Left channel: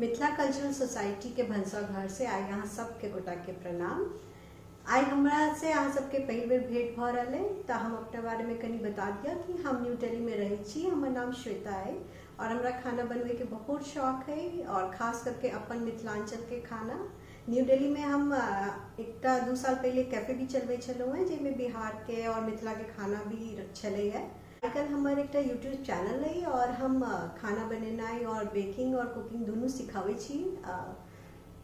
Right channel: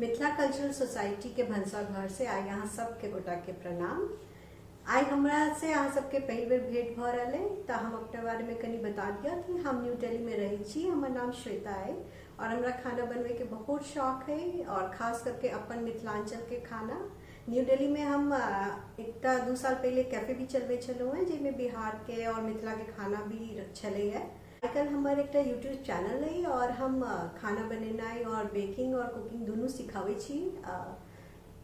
Mithila cultural society के भंसा घर से आई यहाँ सबके गोटा के प्रणाम। आई हमरा से अहाँ सबके पहली बेर भेंट भ रहा है तो हम अपने बारे में कनी बता दिया कि हम न्यू दिल्ली में रही छी। हमर नाम श्वेता है और हमरा खाना बनवे के बहुत शौक है और खास करके अपन मिथिलांचल के खाना। न्यू दिल्ली में हम एक 2 साल पहले कैफे भी चलवे छलौ है जिसमें बिहार के और मिथिला के खाना भी छले है। आजकल हमारे एक यूट्यूब चैनल है और हम खाना बनेनाई और बेकिंग और कुकिंग दोनों सिखावे छी।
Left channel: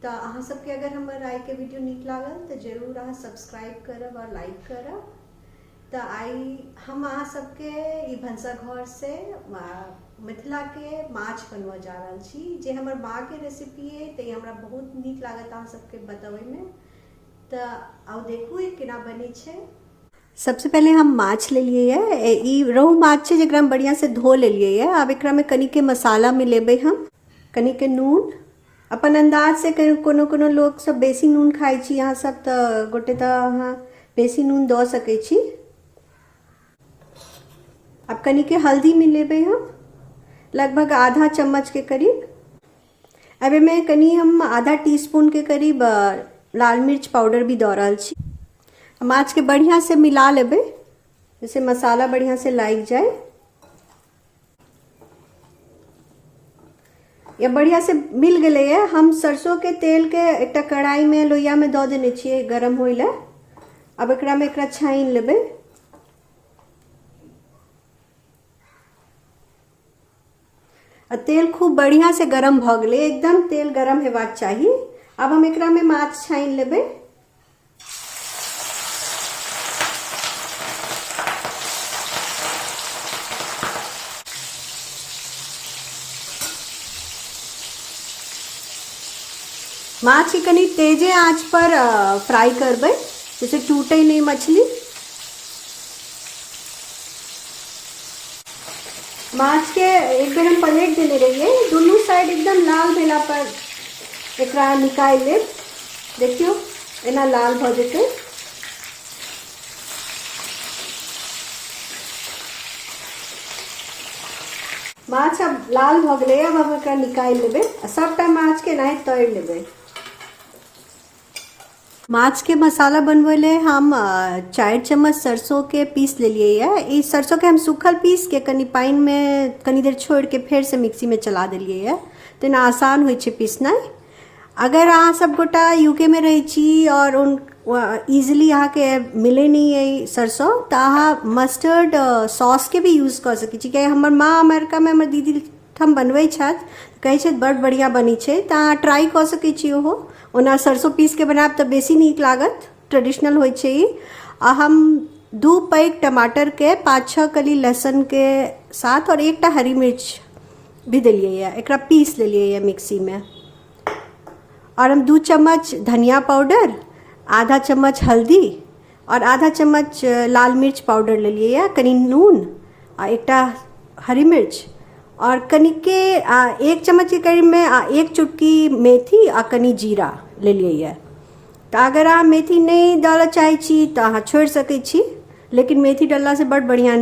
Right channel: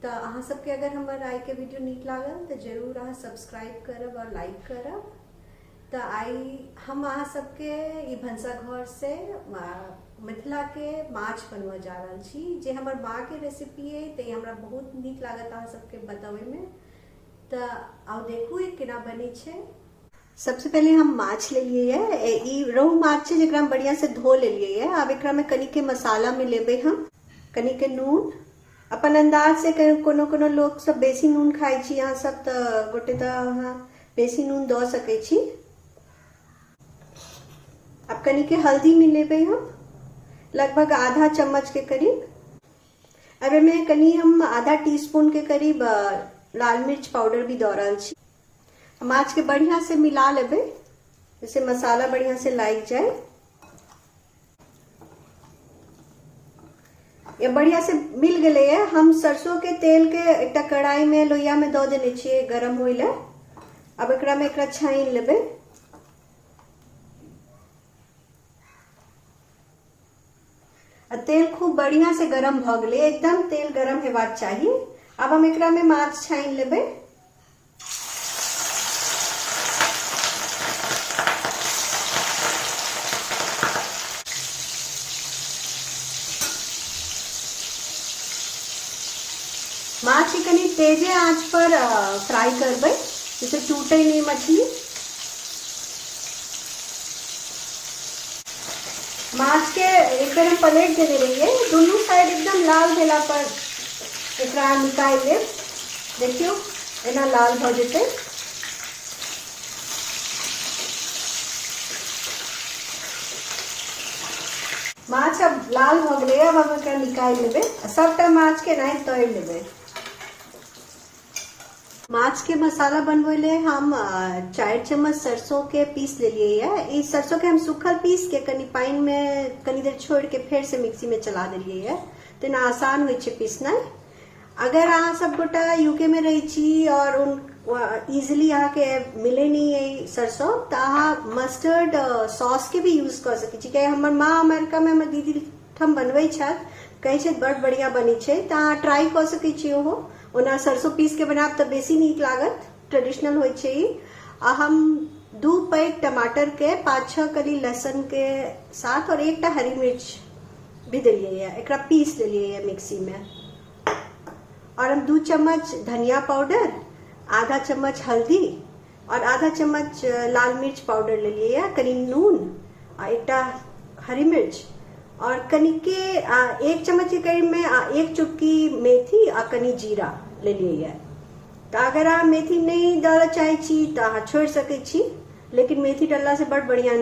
तो अहाँ सबके अगर हमार आई के वीडियो नीक लागल तो जरूर अहाँ सब्सक्राइब करब और लाइक करब। तो आई हम अहाँ सबके ई भंसा घर से मिथिला के माछ बनवा जा रहा छी जे हमर माँ के रेसिपी है। तो हमरा बहुत नीक लागत अहाँ सबके बतावे में। तो आओ देखू ये केना बनी छे। सबसे पहले हम माछ ले लिए है। ई रोहू माछ है जरा बढ़िया से धो ले लिए है। अब एकरा में कनी के मसाला मिलेबे हम कनी के नून अपन अंदाज से। कोनो कोनो लोग सब बेसी नून खाई छी यहाँ सब तो गोटे तो अहाँ बेसी नून दो सके छी। अब कनी के हल्दी मिलेबे हम लगभग आधा चम्मच के करीब। अब में कनी हम आधा टीस्पून के करीब लाल मिर्च पाउडर भी दो रहा छी। माछ के बढ़िया से मिला लेबे जैसे मसाला बढ़िया से लाग जाए। ये बढ़िया से मिल गए है। हम सरसों के तेल के एक कढ़ाई में लोहिया में दो देने छिए गरम होइले। अब एकरा में एकरा छाइन लेबे। तेल खूब बढ़िया से गरम भ गए, एकदम तेल गरम हेबाक चाहिए। अब हम एकरा में माछ छाइन लेबे। माछ के कनी तेजे आंच पर फ्राई करबे जैसे टूटे नहीं मछली। माछ के एक बेर हम पलट देने रहिए, दोनों साइड एकदम लाल भेला पर एकरा निकाल ले। देखियो एना लाल हो जेते। माछ अब लाल हो गए। अब हम एकरा निकाल लेबे। सबटा माछ के नहीं तोड़ लेबे। माछ के मसाला बनवे ले हम 4 चम्मच सरसों के पीस ले लिए है। इस सरसों के हम सूखल पीस के कनी पानी में कनी देर छोड़ के फिर से मिक्सी में चला दिलिए है तो ना आसान हो पीसना। अगर अहाँ सब गोटा यूके में रही छी और उन इजिली यहाँ के मिले नहीं है सरसों तो अहाँ मस्टर्ड सॉस के भी यूज कर सके छी। क्या हमर माँ अमेरिका में हमर दीदी हम बनवे कहे छे बड़ बढ़िया बनी छे तो अहाँ ट्राई कर सके छी। ओहो ओना सरसों पीस के बनाब तो बेसी नीक लागत, ट्रेडिशनल होय छे। हम 2 पैक टमाटर के 5-6 कली लहसुन के साथ और 1 हरी मिर्च भी दिलिए है। एकरा पीस ले लिए है मिक्सी में। और हम 2 चम्मच धनिया पाउडर, आधा चम्मच हल्दी और आधा चम्मच लाल मिर्च पाउडर ले लिए है। कनी नून और 1 हरी मिर्च और कनी के 1 चम्मच के करीब में 1 चुटकी मेथी और कनी जीरा ले लिए है। तो अगर आप मेथी नहीं डालना चाहे छी तो आप छोड़ सके छी, लेकिन मेथी डालना से बड़ बढ़िया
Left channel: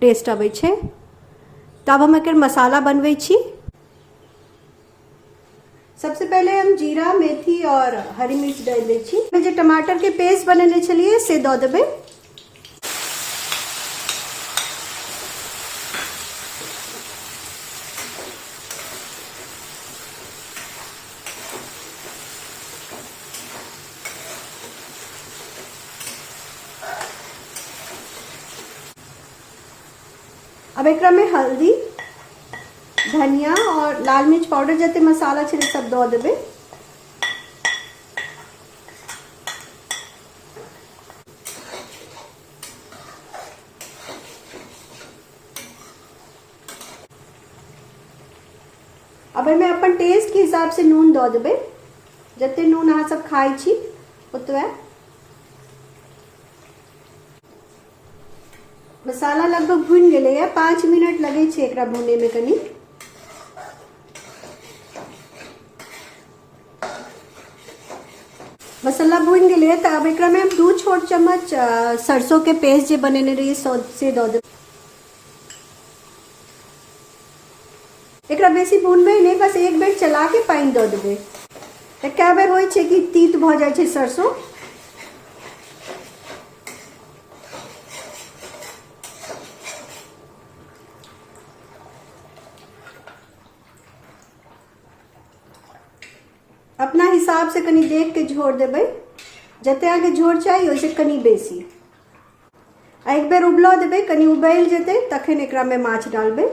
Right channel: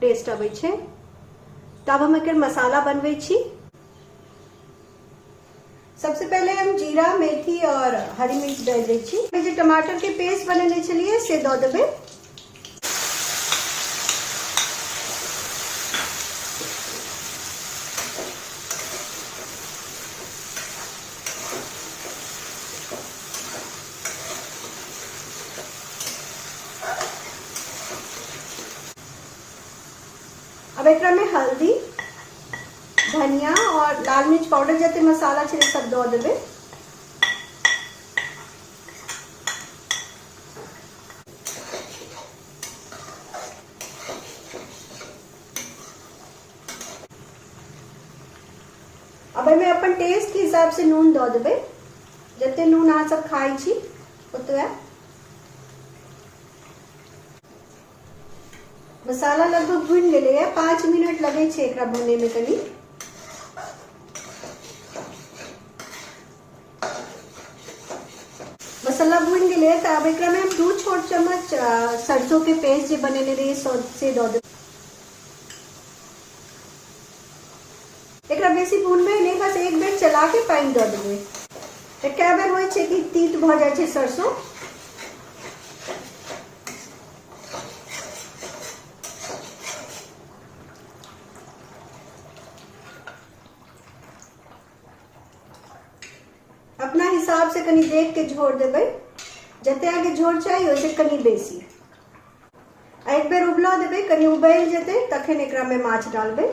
टेस्ट आवे छे। तो अब हम एक मसाला बनवे छी। सबसे पहले हम जीरा मेथी और हरी मिर्च डाल दे छी। जो टमाटर के पेस्ट बनेले छलिए से दो देबे। अब एकरा में हल्दी धनिया और लाल मिर्च पाउडर जते मसाला छे सब दो देबे। अब में अपन टेस्ट के हिसाब से नून दो देबे। जते नून अहाँ सब खाई छी ओतबे। मसाला लगभग भून गए है, 5 मिनट लगे छे एकरा भुने में कनी। मसाला भून गए तो अब एकरा में हम 2 छोट चम्मच सरसों के पेस्ट जो बनेने रही से दो दे। एकरा बेसी भूनबै नहीं, बस एक बेर चला के पानी दऽ देबै। तऽ कए बेर होइ छै कि तीत भऽ जाइ छै सरसों। अपना हिसाब से कनी देख के झोर देबै, जते आगे झोर चाहिए ओइसे कनी बेसी। एक बेर उबलऽ देबै, कनी उबलि जेतै तखन एकरा में माछ डालबै।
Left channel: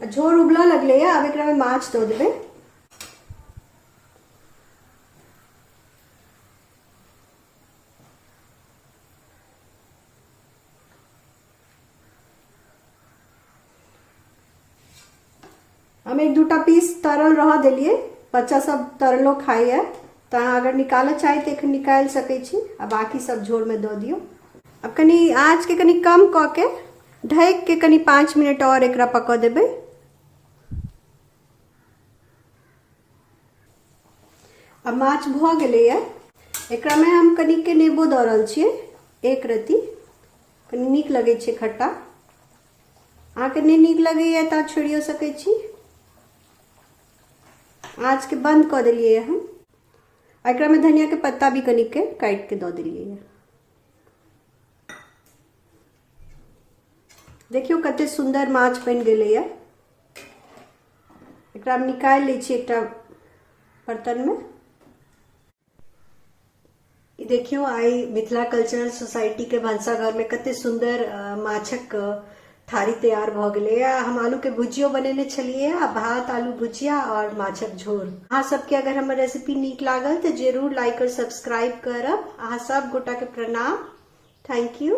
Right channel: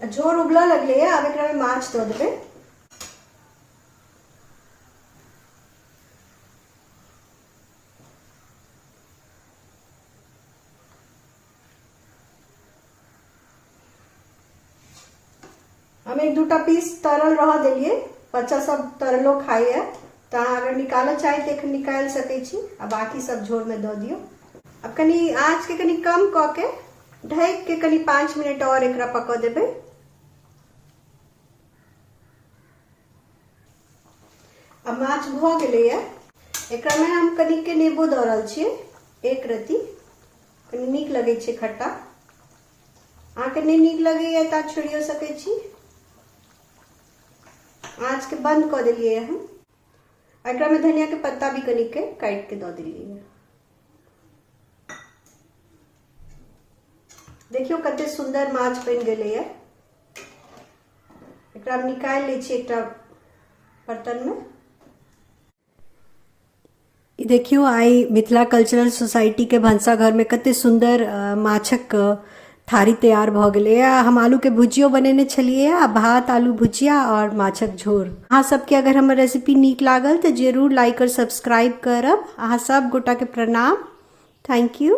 झोर उबलऽ लगलै है, अब एकरा में माछ दऽ देबै। हम एक दूटा पीस तरल रह देलिए, बच्चा सब तरलो खाइए, तो अगर निकालऽ चाही तो एखन निकाल सकै छी, आ बाकी सब झोर में दऽ दियौ। अब कनी आँच के कनी कम कऽ के ढक के कनी 5 मिनट और एकरा पकऽ देबै। अब माछ भऽ गेलैए, एकरा में हम कनी के नेबो दऽ रहल छियै, एक रत्ती। कनी नीक लगै छै खट्टा। अहाँके नहि नीक लगैए तऽ छोड़ियो सकै छी। आँच के बंद कर दिलिए हम। एकरा में धनिया के पत्ता भी कनिक के काट के दऽ दिलिए। देखियो कते सुंदर माछ बन गेलै है। एकरा हम निकाल लै छी एकटा बर्तन में। देखियो आइ मिथिला कल्चरल सोसाइटी के भनसाघर में कते सुंदर माछक थारी तैयार भ गेलै। हम आलू के भुजियो बनेने छलिए, भात आलू भुजिया और माछक झोर। अहाँ सबके अगर हमर रेसिपी नीक लागल तो जरूर लाइक और सब्सक्राइब करब। अहाँ सब गोटा के प्रणाम। Thank you.